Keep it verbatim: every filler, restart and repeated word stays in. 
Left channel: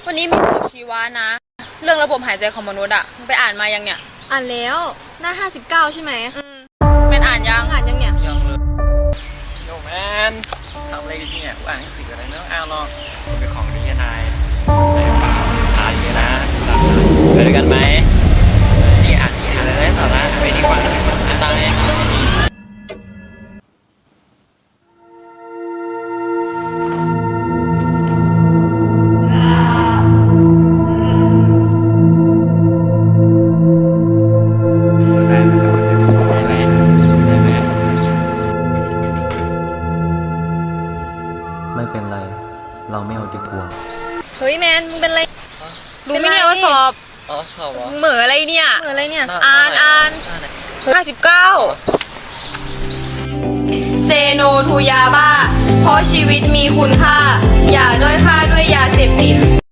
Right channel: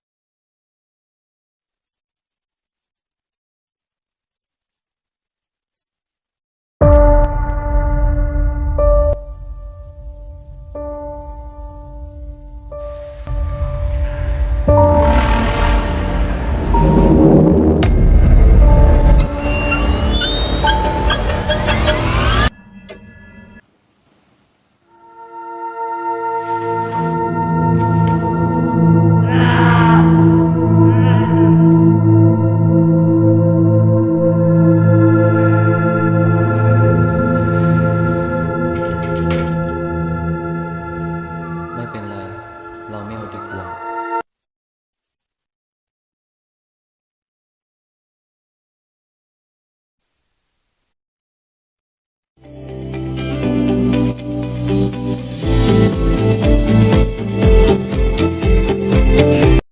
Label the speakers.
Speaker 1: วันนี้มีสอบชีวะนะ เรื่องระบบหายใจของมนุษย์อะมึงไปอ่านมายังเนี่ย
Speaker 2: อ่านแล้วหน้าห้าสิบเก้าใช่ไหม
Speaker 1: อืมเป็นอ่านยัง
Speaker 2: อ่านยังเนี่ย
Speaker 3: ยังเลยโยแมนทำอะไรกันเนี่ยกูอ่านหนังสืออะไรไม่ต้องอ่านหรอกเป็นของดีนายอ่านเยอะนะไปด้วยกันไหมนี่อ่านหนังสือได้สาระไปดีกว่าตายไม่เป็นไร เราไม่เอาดีกว่า
Speaker 2: เฮ้ยแมนมึงเป็นไร
Speaker 1: รู้ไหมเนี่ยว่าสอบ
Speaker 3: อ๋อสอบเหรอ
Speaker 1: มึงเหม่ออะไรเนี่ย
Speaker 2: เหมือนอะไรเนี่ย
Speaker 1: อ่านอ่านห้าสิบเก้าเซโนทูยาบ้าเพราะชีวิตมีคุณค่า อย่าด้อยค่าด้วยยาเสพติด